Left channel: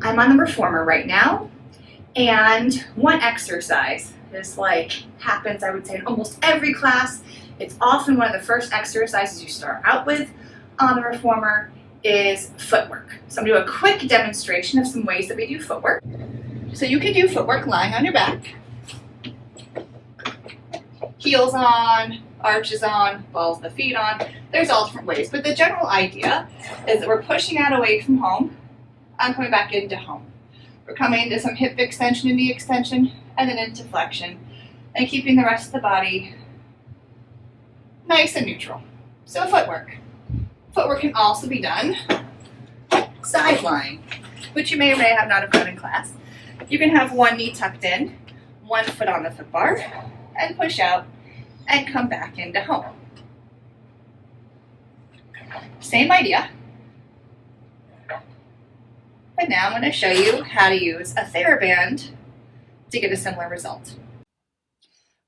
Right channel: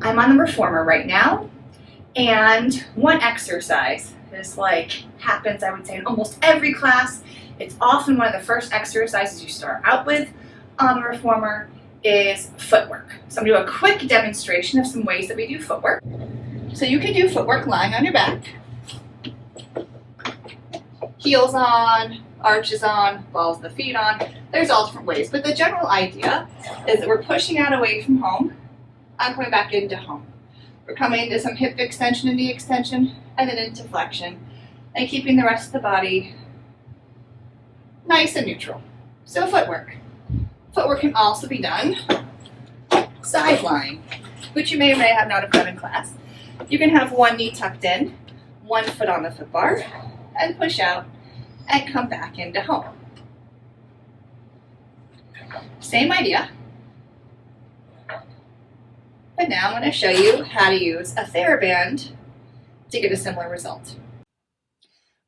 I'm on the reformer right now, and one exercise is happens, I would say, in almost every class. It's often one of the first exercises you start out with on the reformer is footwork. So I'm gonna do a quick demonstration of some ways that we do footwork. So you can do footwork lying on your back, heels on, arches on, balls of the feet on. There's all different ways, but the general idea is that we're pushing out away from home and coming back into home. We're coming into some hip extension and knee extension, and then into flexion, and keeping the rest of the body nice and neutral. So footwork. Footwork can also be done side lying, which you may or may not have done in class. You can have one knee tucked in, one foot on the foot bar, and push out and come back into home. Same idea. But now I'm going to show you how to use a TheraBand to get a similar result.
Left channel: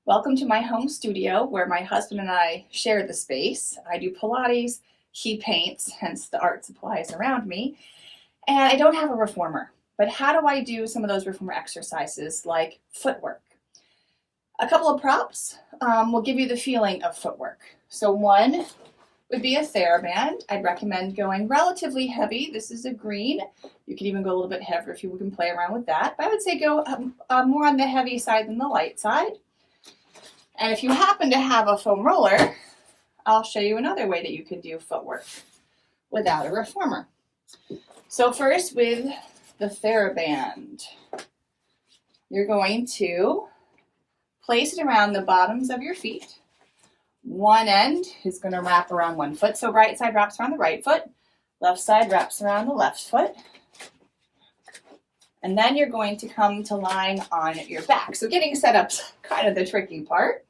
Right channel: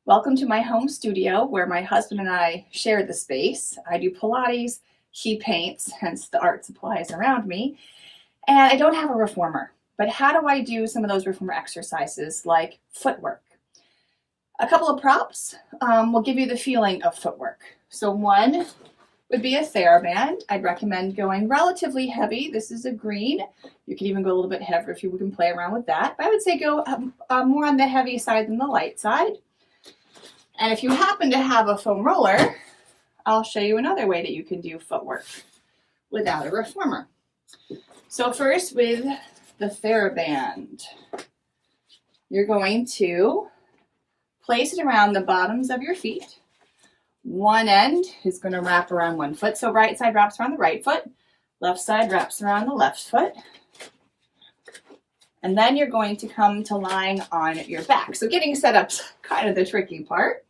Welcome to my home studio where my husband and I share the space. I do Pilates, he paints, hence the art supplies around me, and I don't have a reformer. But how do I do some of those reformer exercises like footwork? A couple of props will give you the feeling of footwork. So one would be a TheraBand. I'd recommend going relatively heavy. This is a green. You can even go a little bit heavier if you can play around with that. But I would say go more on the heavy side than the light side. And if you happen to have a foam roller, I'll show you another way that you can do footwork without a reformer. So first with the TheraBand, you're going to place it around the bottoms of your feet. One end is going to wrap around one foot. So right side wraps around the right foot, left side wraps around the left foot. And then you're going to come to lying on your back. So getting set up's kind of the tricky part.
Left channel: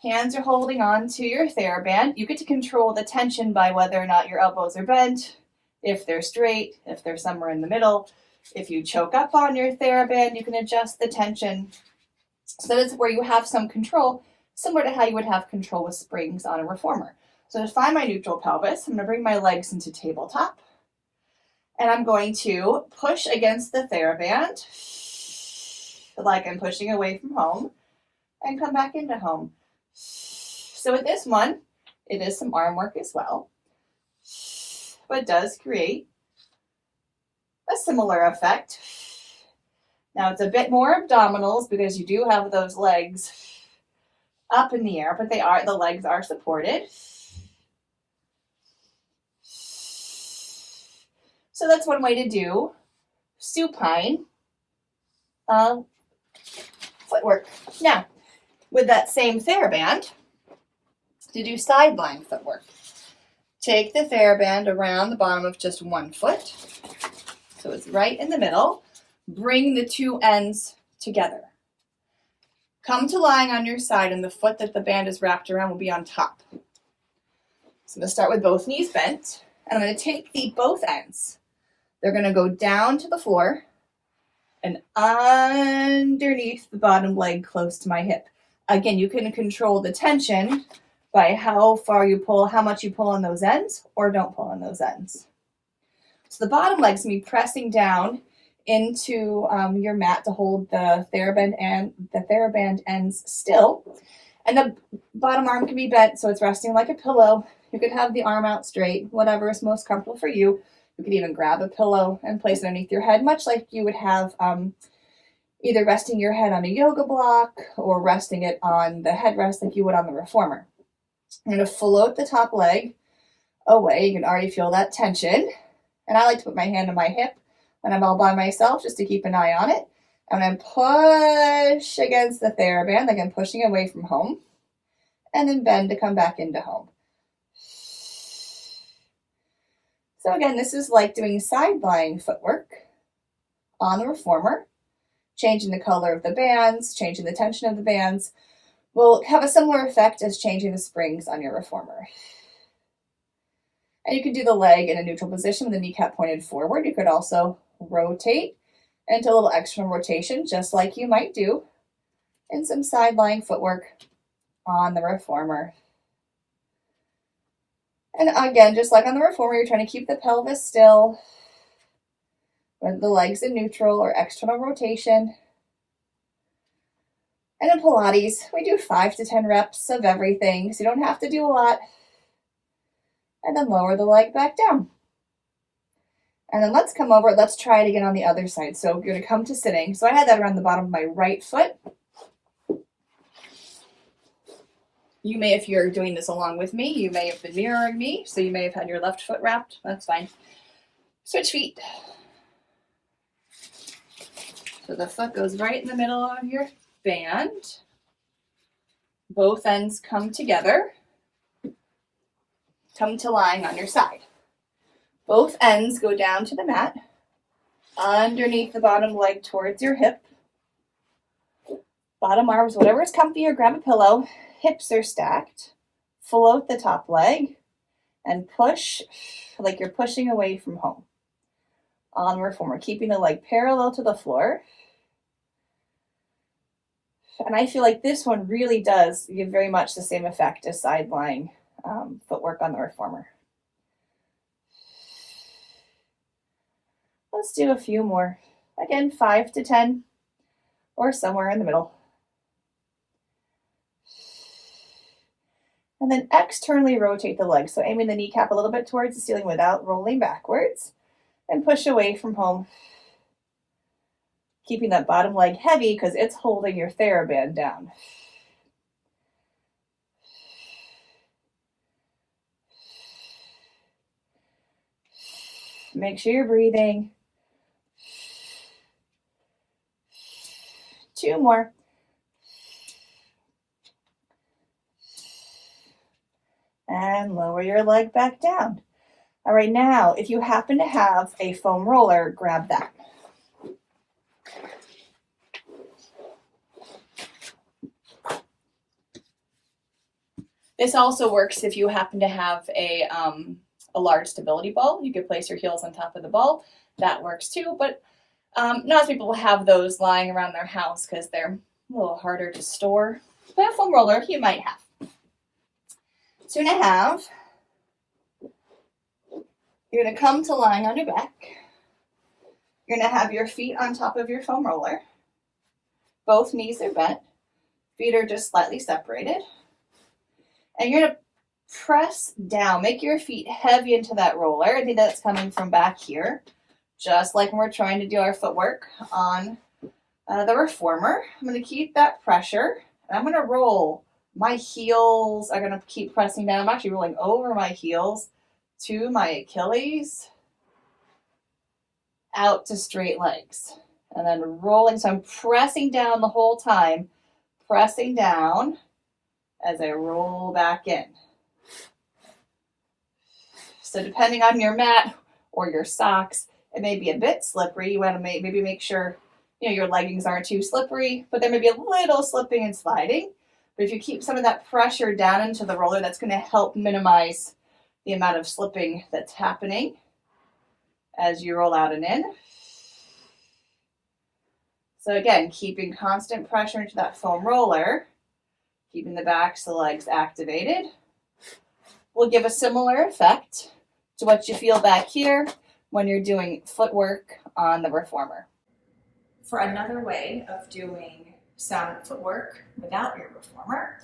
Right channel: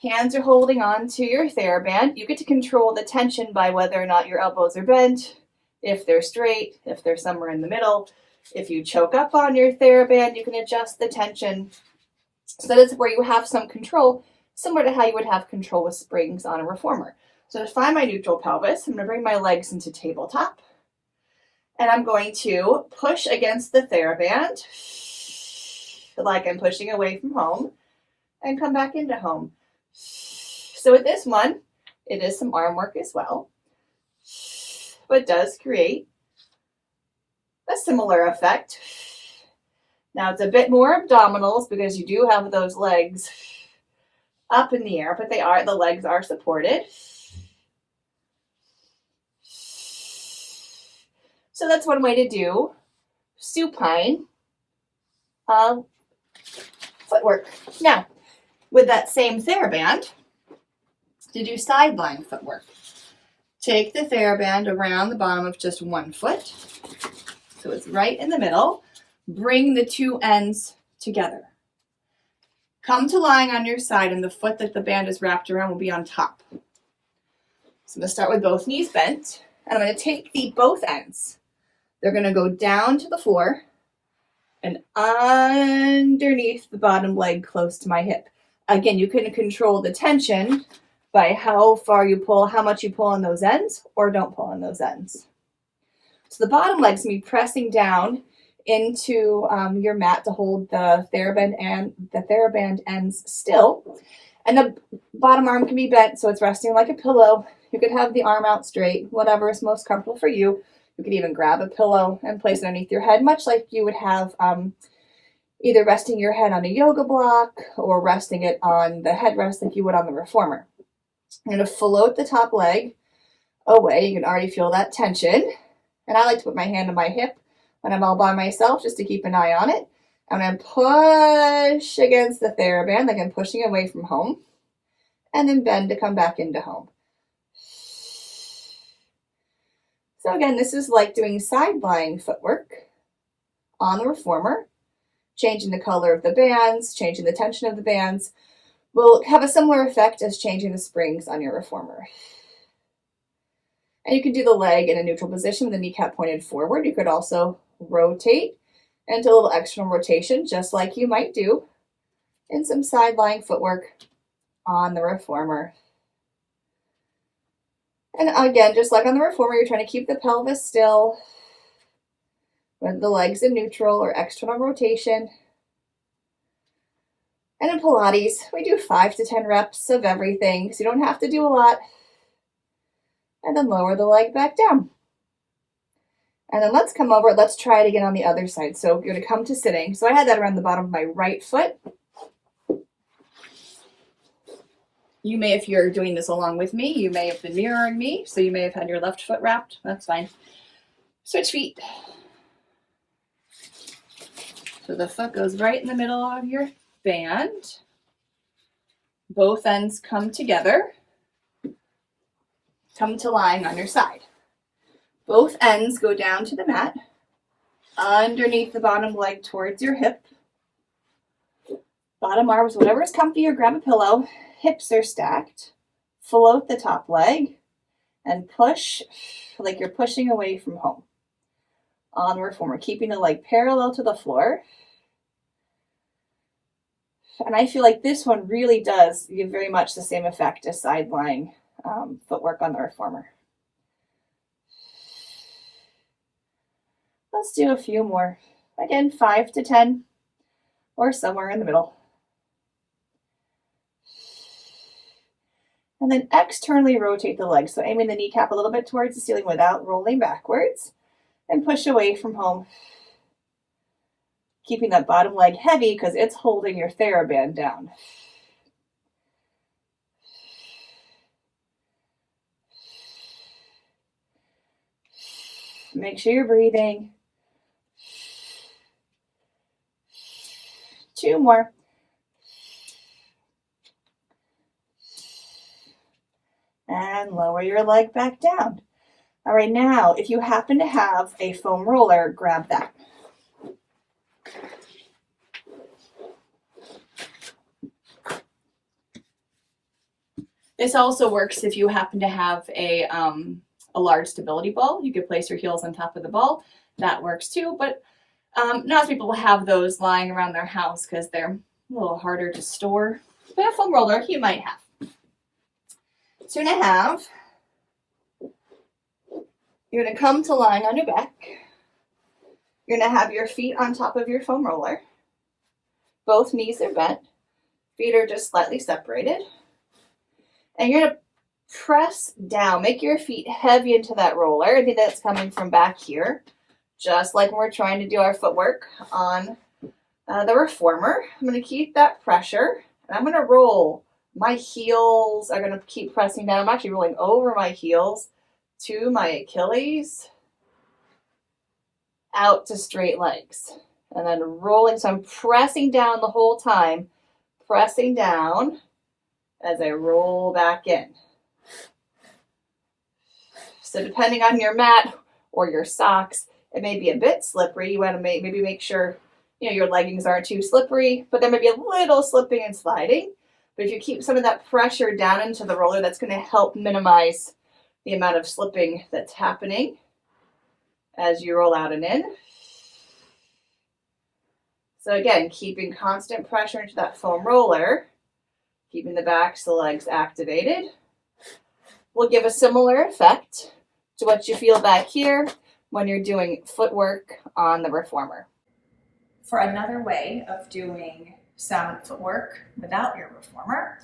Hands are holding on to your TheraBand. You get to control the tension by whether or not your elbows are bent, if they're straight, if they're somewhere in the middle. If you choke up on your TheraBand, you can adjust the tension. So that is where you have some control, similar to how you would have control with springs on a reformer. So to find my neutral pelvis, I'm going to bring my legs into tabletop. And I'm going to push against the TheraBand, like I'm pushing away from home, and come back into home. So with this one, it is some arm work as well, but does create a similar effect. Now it's a bit more abdominals because you do have those legs up in the air, but the legs are supported. So that's one way to do supine footwork. Now, with that same TheraBand, to do side lying footwork, take the TheraBand around the bottom of just one foot, so it's right in the middle. Bring the two ends together. Come to lying on your side, and the foot that the band is wrapped around will be on top. So I'm going to start with both knees bent, and I'm going to take both ends. They're going to go down to the floor and underneath the bottom leg close to my hip. Again, you can control the tension by how far you pull, how much you pull on those ends or don't pull on those ends. So the bottom leg's going to be pressing down into your mat to hold the TheraBand ends still. And the bottom arm can be bent so it's resting like a pillow. You could have the arm out straight, whatever is most comfortable for you. You could even grab a pillow and place it underneath your head, much like you would have either resting your head on a yoga block or resting it on the headrest like you would on the reformer. I'm going to float the top leg away. You can already feel that tension. And I like to put my hand on my hip when I'm all by myself just to keep an eye on it. I'm going to push against the TheraBand like I'm pushing away from home. And then bend to come back into home. So again, this is like doing side lying footwork on the reformer. Changing the color of the bands, changing the tension of the bands will have a similar effect as changing the springs on your reformer. And you can do the leg in a neutral position with the kneecap pointed forward. You could also rotate into a little external rotation, just like you might do in some side lying footwork on the reformer. And again, just like on the reformer, you're trying to keep the pelvis still, with the legs in neutral or external rotation. And in Pilates, we do 5 to 10 reps of everything, so you don't have to do a lot. And then lower the leg back down. And then let's come over, let's try it again on the other side. So you're gonna come to sitting. So I had that around the bottom of my right foot. You may, if you're doing this along with me, you may have been mirroring me, so you may have had your left foot wrapped. That's fine. Switch feet. So the foot goes right in the middle of your band. Both ends come together. Come to lying on your side. Both ends go down to the mat, underneath the bottom leg towards your hip. Bottom arms, whatever is comfy, or grab a pillow. Hips are stacked. Float the top leg and push like you're pushing away from home. On the reformer, keeping the leg parallel to the floor. And I feel like this one really does give very much the same effect as side lying footwork on the reformer. Let's do a few more. Again, 5 to 10 or somewhere in the middle. And then externally rotate the legs. So aiming the kneecap a little bit towards the ceiling without rolling backwards, and push away from home. Keeping that bottom leg heavy because it's holding your TheraBand down. Make sure you're breathing. 2 more. And lower your leg back down. All right, now, if you happen to have a foam roller, grab that. This also works if you happen to have a large stability ball. You could place your heels on top of the ball. That works too, but not as people have those lying around their house because they're a little harder to store. But a foam roller you might have. So you're going to come to lying on your back. You're going to have your feet on top of your foam roller. Both knees are bent. Feet are just slightly separated. And you're going to press down. Make your feet heavy into that roller. I think that's coming from back here. Just like when we're trying to do our footwork on the reformer. I'm going to keep that pressure. And I'm going to roll. My heels are going to keep pressing down. I'm actually rolling over my heels to my Achilles, out to straight legs, and then rolling. So I'm pressing down the whole time, pressing down as I roll back in. So depending on your mat or your socks, it may be a bit slippery. You want to maybe make sure your leggings aren't too slippery, but there may be a little slipping and sliding. But if you keep some of that pressure down into the roller, that's going to help minimize the amount of slipping that's happening as you roll out and in. So again, keeping constant pressure into that foam roller, keeping the backs of the legs activated, will give a similar effect to what you feel back here when you're doing footwork on the reformer. For another way of doing silent footwork without your reformer,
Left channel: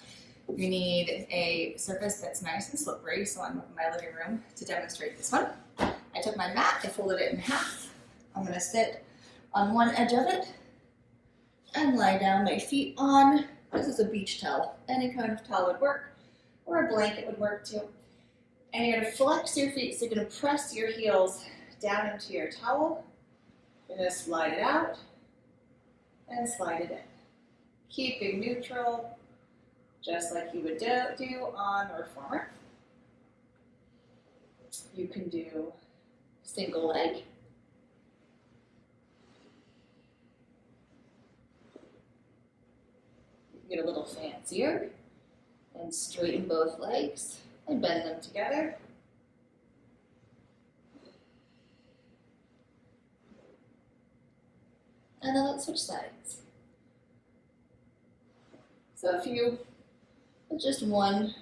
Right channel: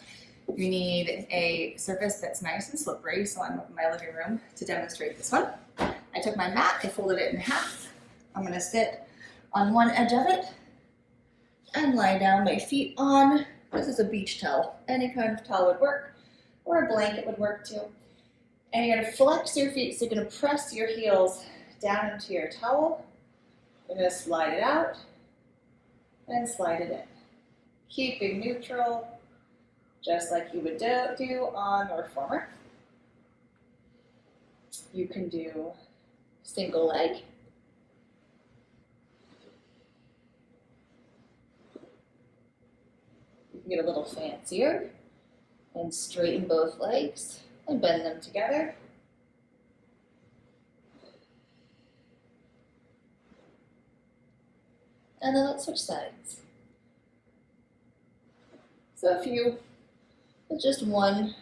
you need a surface that's nice and slippery. So I'm up in my living room to demonstrate this one. I took my mat, I folded it in half. I'm going to sit on one edge of it and lie down, my feet on. This is a beach towel. Any kind of towel would work, or a blanket would work too. And you're going to flex your feet, so you're going to press your heels down into your towel. You're going to slide it out and slide it in. Keeping neutral, just like you would do on the reformer. You can do single leg. You can get a little fancier and straighten both legs and bend them together. And then let's switch sides. So with just one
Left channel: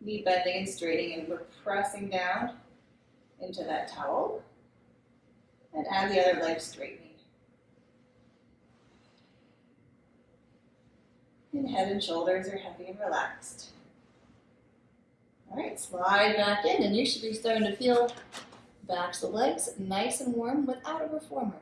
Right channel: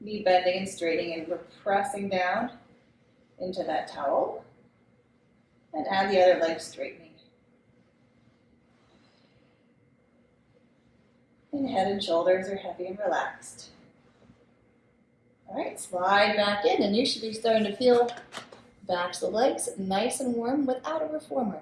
Knee bending and straightening, and we're pressing down into that towel. And add the other leg straightening. And head and shoulders are heavy and relaxed. All right, slide back in, and you should be starting to feel backs of the legs nice and warm without a reformer.